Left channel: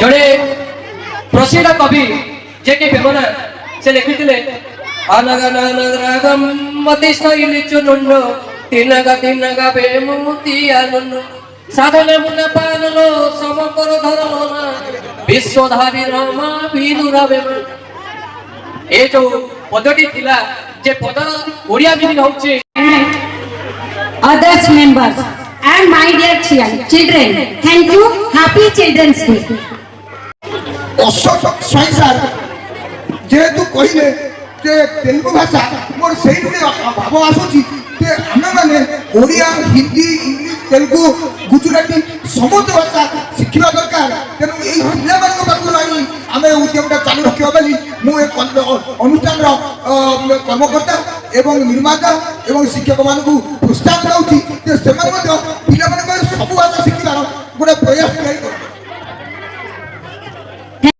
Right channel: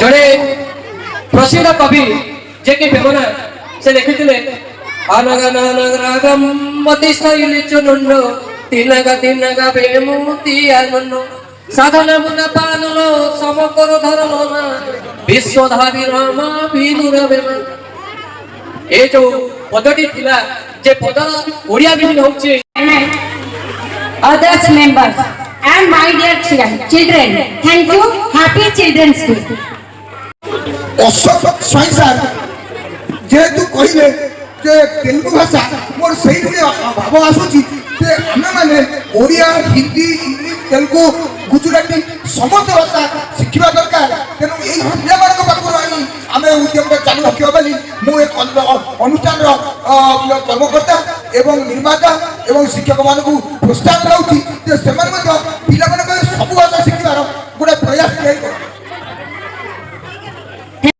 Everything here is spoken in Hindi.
जड़े प्रसिद्ध कवि जे के बेमना से लिखिथिले अनगनगम मति शैली चुनुन्न तिनगा बेमुति आनन्न साधना मुना पानलो समकर धरलो ना विश्वधारी रामा विनुर बेमा ए जो पदटी थिला जे पदर ओडिया मिनिंग होचे others members and my dear children, thank you. Happy Children's Day. Ashok Swain sir जेहेतु कहले जे तेलुगु भाषा मोर सही भाव आसुची जे आमे माने ओडिया हिंदी इंग्लिश तेलुगु गुजराती समस्त भाषा शिखिबा दरकार तेनु एई पिला मानक पाखु रही आमे उद्यमटा चालू रखिबा बली मु एक अनुष्ठान कर्मकर्ता एवं निर्माता एवं शिक्षक मानकु प्रोत्साहन दउची जे सेमान मध्य